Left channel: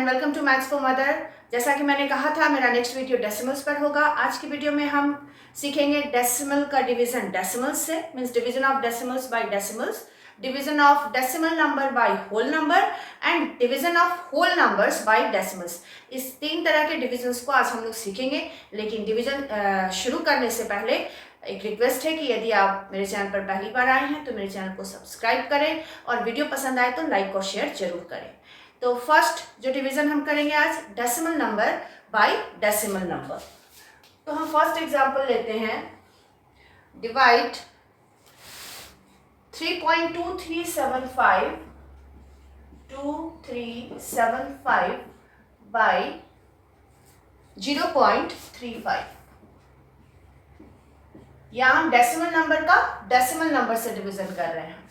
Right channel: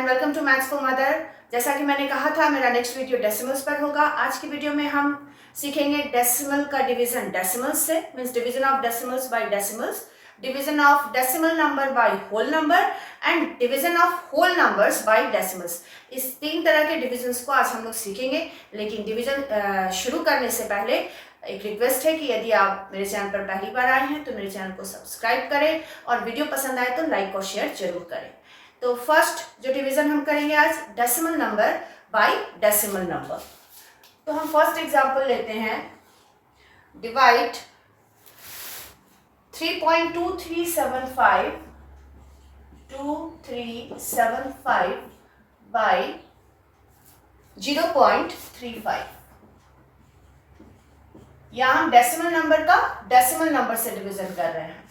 And welcome to maths for mother. जैसा कि मैंने कहा था मेरा नेक्स्ट वीडियो डेसिमल्स पर होगा। आज की वीडियो में हम सीखेंगे डेसिमल का डिवीजन डेसिमल्स से, means division of decimals by decimals, division of decimal number by whole number and division of whole numbers by decimals. इस तीन तरह के डिविजन्स को आज हम लोग सीखेंगे। लेकिन डिवीजन शुरू करने से पहले एक रिक्वेस्ट है कि यदि आप मेरे चैनल पर पहली बार आए हैं तो मेरे चैनल को सब्सक्राइब करें और वीडियो पसंद आए तो लाइक और शेयर जरूर करें। तो फर्स्ट जो डिवीजन हम करेंगे आज, decimal number bye decimal number. तो हम फर्स्ट एग्जांपल लेते हैं, डिवाइड 3.2375 बाय 0.35। यहाँ हम डेसिमल नंबर का डेसिमल नंबर से डिवीजन कर रहे हैं।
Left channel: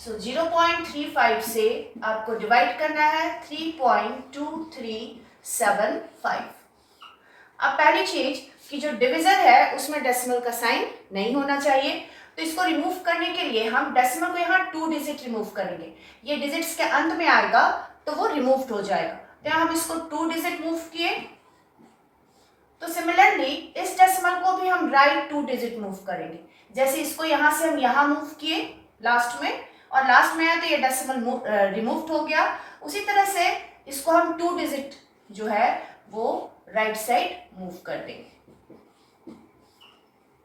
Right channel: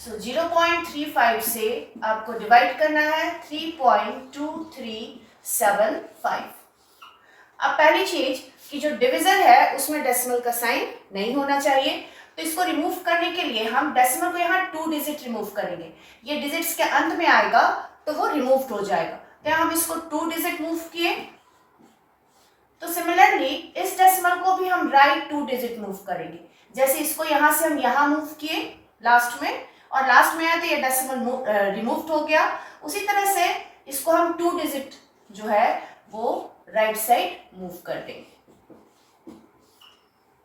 सो 0.35 से आपको डिवाइड करना है 3.2375। अब पहली चीज कि जो डिविजन है उसमें डेसिमल का साइन नहीं होना चाहिए, तो इसको रिमूव करने के लिए हम डेसिमल को यहाँ 2 डिजिट रिमूव करेंगे। ये डिजिट्स के अंत में आएगा तो वो रिमूव हो जाएगा। तो यहाँ हम इसको 2 डिजिट मूव किए, तो सिमिलरली इस डेसिमल को भी हम राइट 2 डिजिट मूव करेंगे। जैसे इसको यहाँ से हम यहाँ मूव किए लास्ट में, और लास्ट में आया तो ये डेसिमल रिमूव हो गया। उसी तरह से इसको हम 2 डिजिट जो है वो राइट साइड मूव कर देंगे।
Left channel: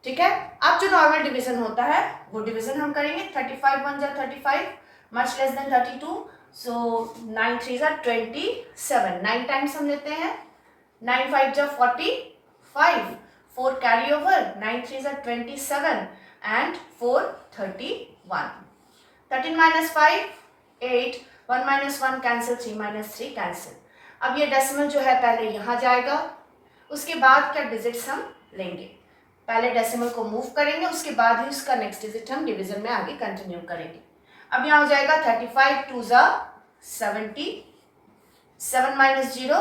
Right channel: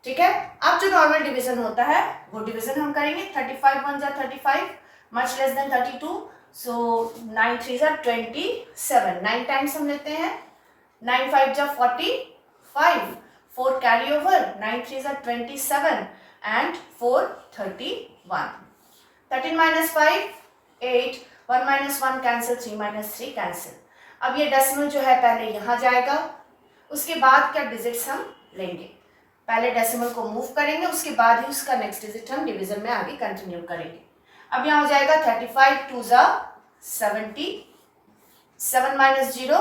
ठीक है। अब जो नॉर्मल डिवीजन होता है वो डिवीजन हम करेंगे। 35 1 जा 35, मच लेस देन 32, सो 9 3 जा 27। 9 टाइम्स हम लेते हैं, 9 5 जा 45, 4 कैरी ओवर, 9 3 जा 27 and 4 31। 13 minus 5 8, 1 minus 1 cancel, 3 minus 3 cancel. अब ये डेसिमल जो है पहले यहाँ जाएगा, उसके बाद का डिजिट्स हम लेंगे। पहले डेसिमल को मूव करेंगे, उसके बाद ही उसका नेक्स्ट डिजिट हम डिवीजन में आगे कंटिन्यू करेंगे। अब यहाँ हो जाएगा 35 2 जा 70, 7 minus 0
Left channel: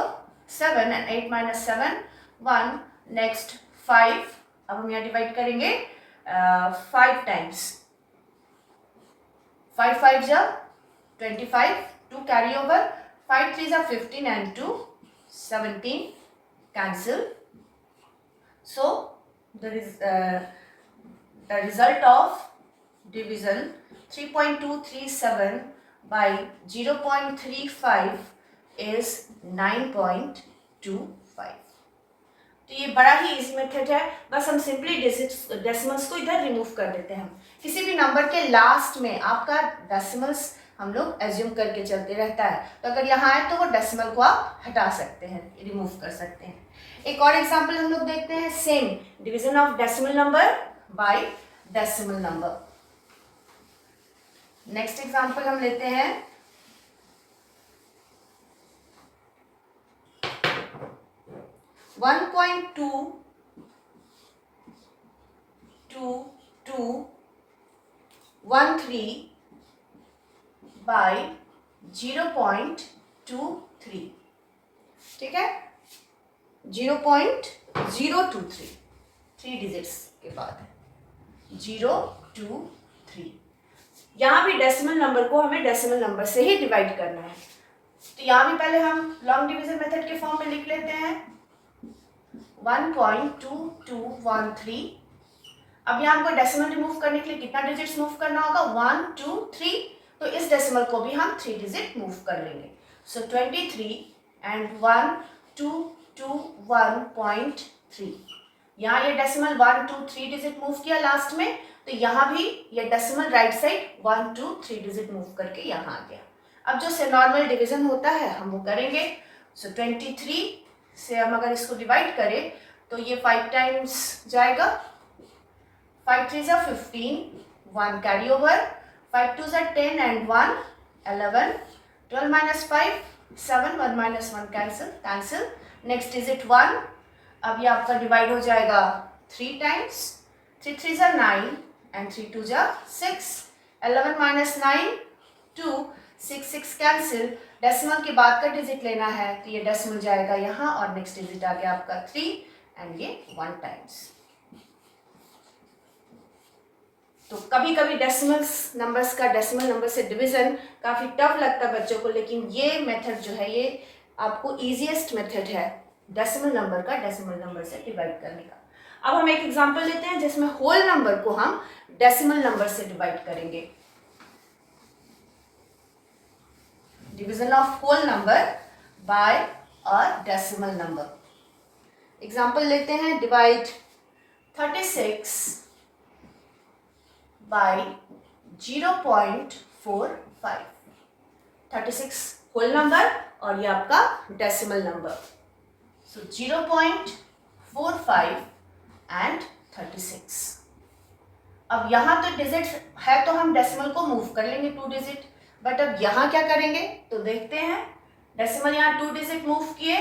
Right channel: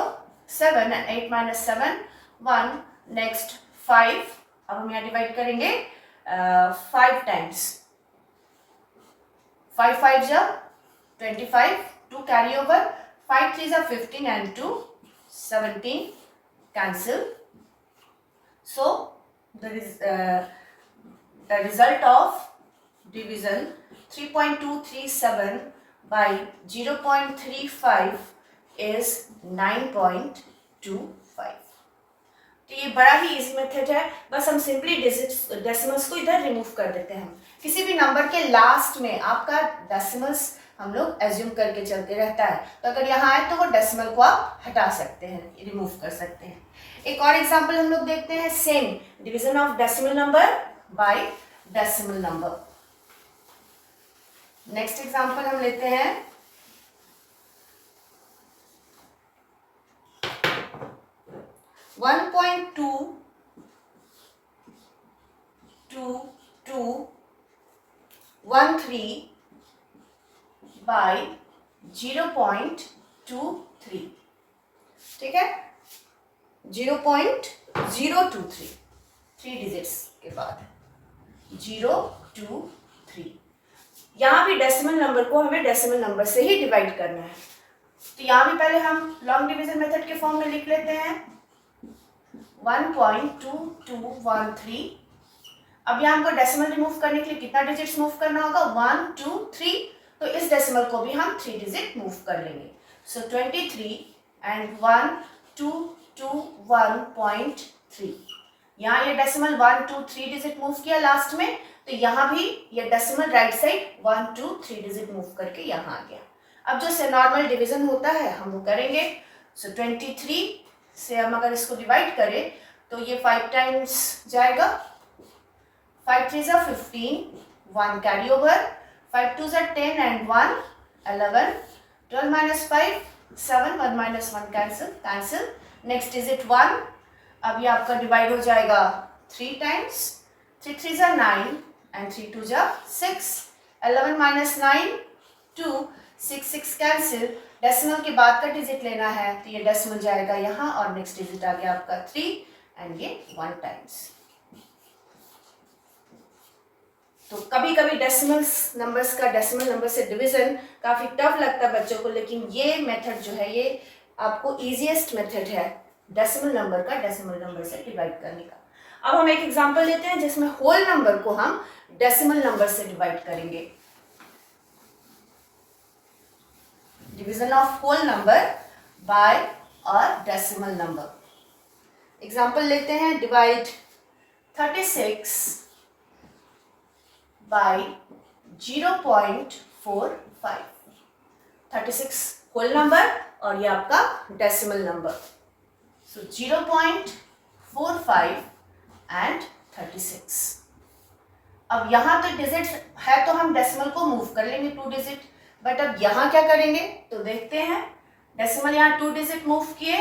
7 and 8 minus 7 1, नेक्स्ट 5। अब हम यहाँ डिवाइड करेंगे 5 टाइम्स, 5 5 जा 25, 2 कैरी ओवर, 5 3 जा 15 and 2 17 cancel. So the result of division 3.237 by 0.35 is 9.25। तो ये बड़ा ही इजी मेथड है। बस हम सिंपली डेसिमल्स को इधर रिमूव कर देते हैं। हम किसी भी नंबर के लास्ट में आपका डेसिमल्स हम लोग एज्यूम करके चलते रहता है, तो अगर यहाँ आए तो वो डेसिमल को आप हटा सकते हैं, रिमूव कर सकते हैं। एक और एग्जांपल हम लोग देखते हैं, same division of decimal number bye decimal number. Next example हम लेते हैं, वन 1.2213 बाय 0.23। ठीक है, 0.023, 3 डिजिट्स के बाद 023। यहाँ भी डेसिमल नंबर को हमें डेसिमल नंबर से ही डिवाइड करना है। तो यहाँ भी पहले हम लॉन्ग डिवीजन मेथड के फॉर्म में लिख लेते हैं, 1.2213। अब यहाँ हमको डेसिमल रिमूव करने के लिए कितना डिजिट्स मूव करना होगा, 1 2 3। तो इस डेसिमल को भी हम 3 डिजिट मूव कर लेंगे। सो 23 एंड 1221.3। यहाँ ये डेसिमल 1 2 3 डिजिट मूव किया लास्ट में, तो यहाँ भी ये decimal right side 1 2 3 digit move करके यहाँ आ गया। अब जो से नॉर्मल डिवीजन होता है हम वो करेंगे। सो 23 से हम अगर इसको डिवाइड करें तो ये 5 टाइम्स जाएगा, 5 3 जा 15, 1 कैरी ओवर, 5 2 जा 10 and 1 11, 12 minus 5 7, 1 minus 1 cancel, next digit 1। अब ये आपका डिवाइड हो जाएगा 3 टाइम्स, 3 3 जा 9 एंड 3 2 जा 6, 11 minus 9 2, 6 6 कैंसिल। डेसिमल के बाद का डिजिट लेना है, तो ये डेसिमल जाएगा यहाँ और नेक्स्ट डिजिट आ गया आपका 3 एंड ये 1 टाइम्स। तो कभी कभी डेसिमल्स नंबर्स का डेसिमल नंबर से डिवीजन काफ़ी टफ लगता है बच्चों को, लेकिन ये मेथड जो है ये आपको ईजीएस्ट मेथड है डेसिमल नंबर का डेसिमल नंबर से डिवाइड करने का। अब हम एक एग्जांपल लेते हैं जिसमें होल नंबर को हम डेसिमल नंबर से डिवाइड करेंगे। Division of whole number by a decimal number. Example लेते हैं, डिवाइड 36 बाय 0.45। 36 होल नंबर और ये आपका डेसिमल नंबर। So 0.45 and 36। अब यहाँ तो डिजिट है तो हम डेसिमल को मूव कर लेंगे 2 डिजिट, बट अब यहाँ क्या करेंगे तो देखते हैं। डेसिमल यहाँ 2 डिजिट मूव किए,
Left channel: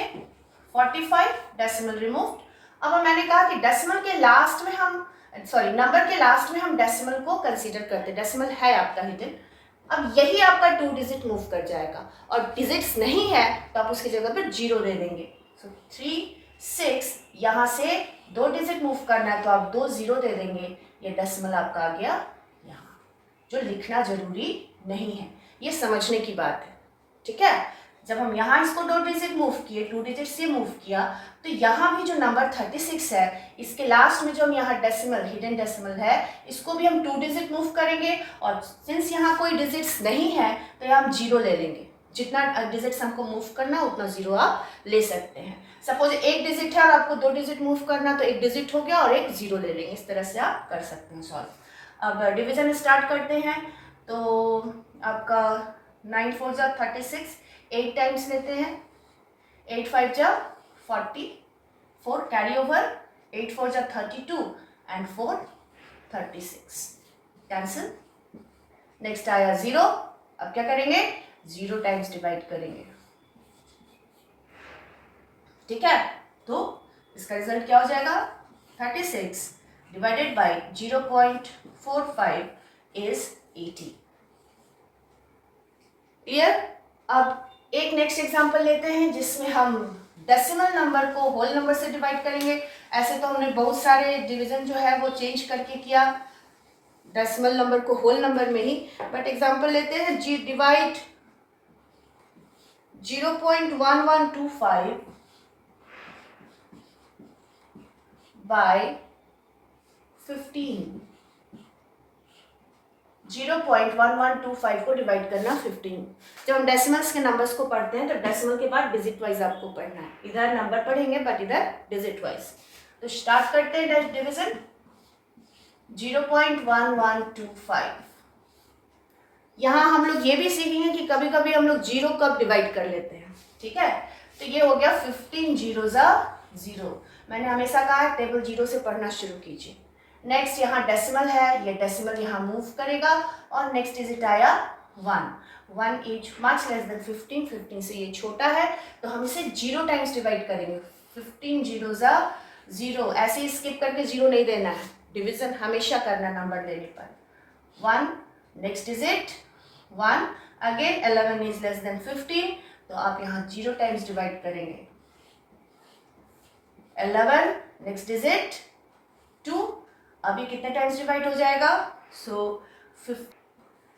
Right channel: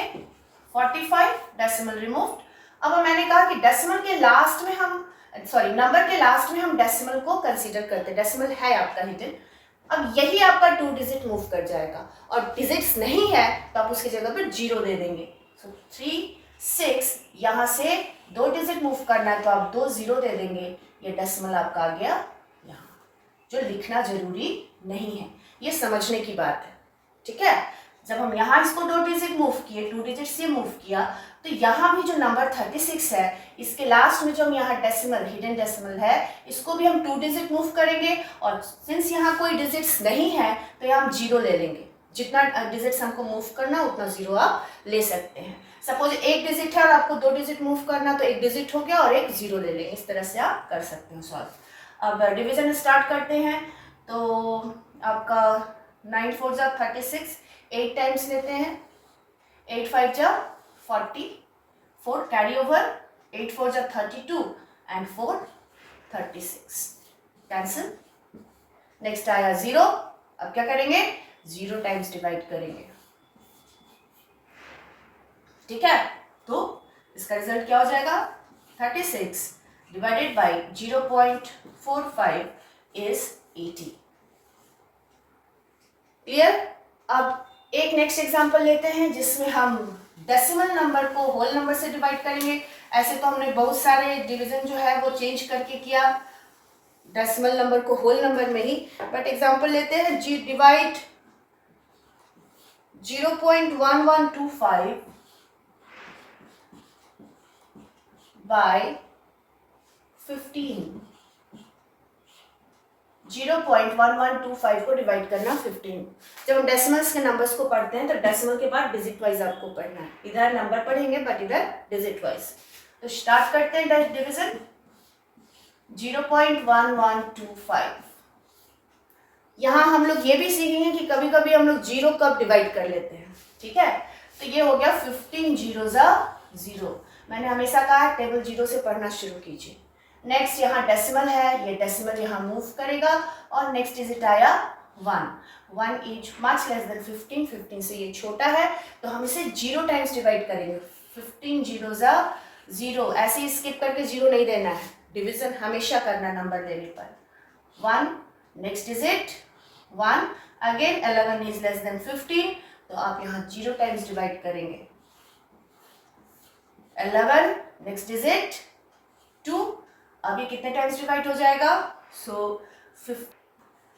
45, डेसिमल रिमूव्ड। अब मैंने कहा कि डेसिमल के लास्ट में हम नंबर के लास्ट में हम डेसिमल को कंसीडर करते हैं, डेसिमल है आपका हिडन। अब यही आपका 2 डिजिट मूव कर जाएगा और डिजिट्स नहीं है तो आप उसकी जगह पर 0 दे देंगे। सो 3, 6, यहाँ से 2 डिजिट मूव करना है तो आप 2 0 दे देंगे। ये डेसिमल आपका आ गया यहाँ, जो लिखना जरूरी नहीं है, ये समझने की बात है, ठीक है। जब हम यहाँ इसको 2 डिजिट मूव किए, 2 डिजिट से मूव किया, तो यहाँ भी जो नंबर 36 है इसके लास्ट में जो हम यहाँ डेसिमल हिडन डेसिमल है इसको भी हम 2 डिजिट मूव करेंगे और सिंस यहाँ कोई डिजिट्स नहीं है तो यहाँ हम 0 ले लेंगे। जितना डिजिट्स हमको मूव करना उतना 0 आप ले सकते हैं। सपोज 1 डिजिट है और आपको 2 डिजिट मूव करना तो 1 डिजिट हो गया और 1 0 ले लेंगे। इस तरह से आप कर सकते हैं सॉल्व। अब डिवीजन स्टार्ट करते हैं। तो आपका 9 4 जा 36, 8 टाइम्स लेते हैं, 8 5 जा 40, 4 कैरी ओवर, 8 4 जा 32 एंड 4 36, कैंसिल। नेक्स्ट आया 0। अब क्या करेंगे, 0 टाइम्स डिवाइड करेंगे, ठीक है। तो इसका रिजल्ट क्या हो जाएगा, 36 डिवाइडेड बाई 0.45 इज 80। क्लियर। अब एक नेक्स्ट एग्जांपल लेते हैं जिसमें हम डेसिमल नंबर को होल नंबर से डिवाइड kरेंगे। ऐसे तो हमने बहुत सारे डिवीजन जो है वो चेंज करके किया डेसिमल नंबर को होल नंबर में ही, बट एग्जांपल लेते हैं जी डिवाइड 0.1125 बाय 15। 0.1125 को डिवाइड करना 15। जब हम डेसिमल्स के नंबर्स को पढ़ते हैं तो डेसिमल के बाद डिजिट वाइज आपको पढ़ना है, इधर नंबर पढ़ेंगे बट इधर डिजिट वाइज। तो स्टार्ट करते हैं डिवीजन 0.1125। यहाँ हम लोग ये भी सीखेंगे कि कभी कभी हम लोग 0 कब डिवाइड कर लेते हैं, ठीक है। तो ये हो गया 15 0 जा 0। मैंने हमेशा कहा है टेबल 0 से पढ़ना शुरू कीजिए। नेक्स्ट यहाँ डेसिमल है, ये डेसिमल यहाँ मूव करेगा और नेक्स्ट डिजिट आया 1 इज मच लेस देन 15। 15 से ये छोटा है तो हम इसे 0 टाइम्स डिवाइड करेंगे। 15 0 जा 0, ऐसे ही स्किप करके 0 नहीं देना है, डिवीजन हमेशा करना नंबर देने पर। 1 next digit 1 again. 11 is less than 15 तो आप यहाँ 0 टाइम्स डिवाइड करेंगे। 11 नेक्स्ट डिजिट 2, अभी कितने टाइम्स डिवाइड हो जाएगा, सो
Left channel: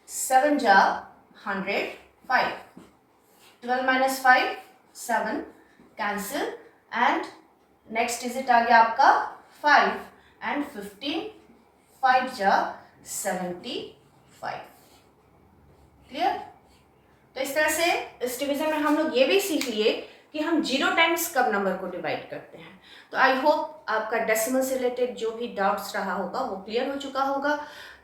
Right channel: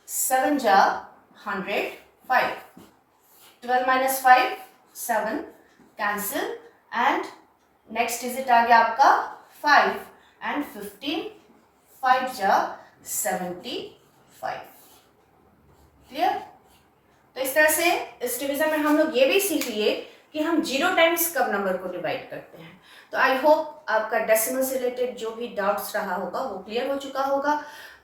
7 जा 105, 12 minus 5 7, cancel and next digit आ गया आपका 5 एंड 15, 5 जा 75। क्लियर। तो इस तरह से इस डिवीजन में हम लोग ये भी सीख लिए कि हम 0 टाइम्स कब नंबर को डिवाइड करते हैं। तो आई होप आपका डेसिमल से रिलेटेड जो भी डाउट्स रहा होगा वो क्लियर हो चुका होगा।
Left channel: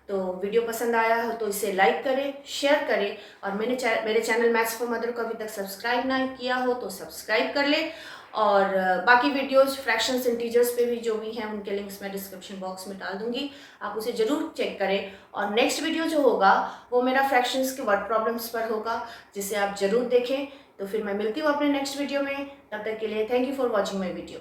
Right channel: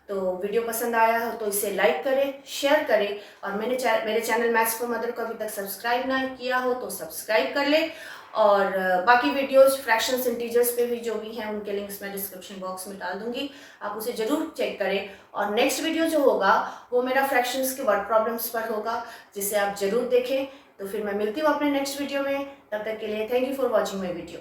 तो वीडियो पसंद आया हो तो इसे लाइक करें, शेयर करें और मेरे चैनल मैथ्स फॉर मदर को अभी तक सब्सक्राइब ना किया हो तो सब्सक्राइब कर ले। और बाकी वीडियोस फ्रैक्शंस इंटीजर्स पे भी जो भी हैं उनके लिंक्स मैं डिस्क्रिप्शन बॉक्स में डाल दूंगी, आप उसे ज़रूर चेक करें। और नेक्स्ट वीडियो जो होगा वो मेरा फ्रैक्शंस के वर्ड प्रॉब्लम्स पर होगा, जिसे आप ज़रूर देखें। तो फिर मैं मिलती हूँ अपने नेक्स्ट वीडियो में, तब तक के लिए thank you for watching my video.